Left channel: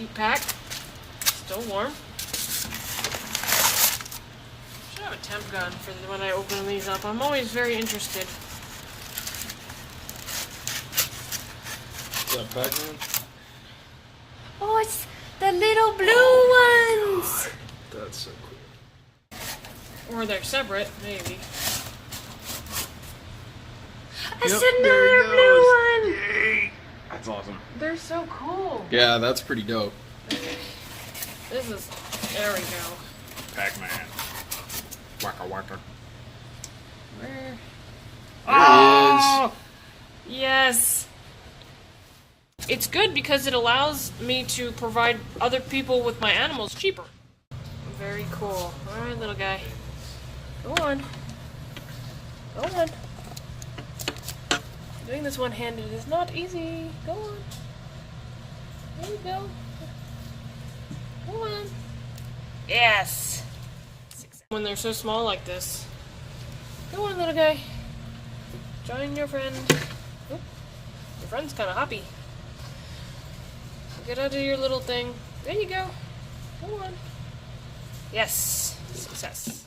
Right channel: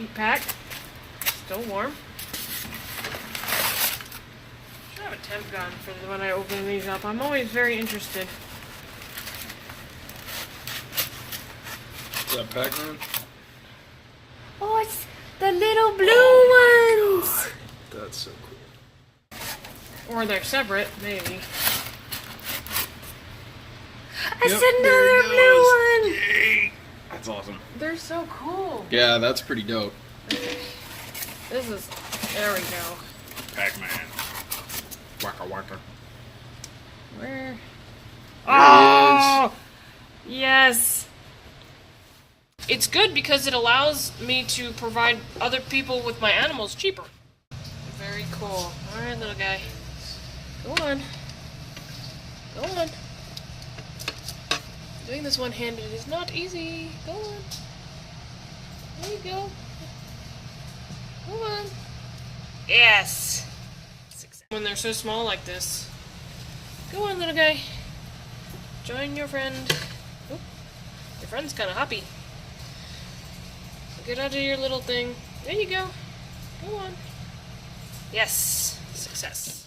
Heat pack. Still warm. Should have a temp gun for when I open these up. I'm always very interested. Is that Pacman? Oh, it's the little blue ones! That's so cool. Or they're separate, maybe. Yep, It's there another it blue goes. one! Yay! That's awesome. They're so cool. Yeah, that's pretty dope. This is, there we go. Pacman. Waka waka. Where? There he is. Yes! It's good because it allows me to provide other people with my animals cheaper. Very cool. Alright, little guy. Go on. Go on. Doing this one-handed is not easy. Go on. There you go. Go on. Yes! When they're so small like this. Go on, little guy. Join your friend. Oop. Your friend's kind of hoppy. Get out of your little thing. There you go. Go on. Yes. Success.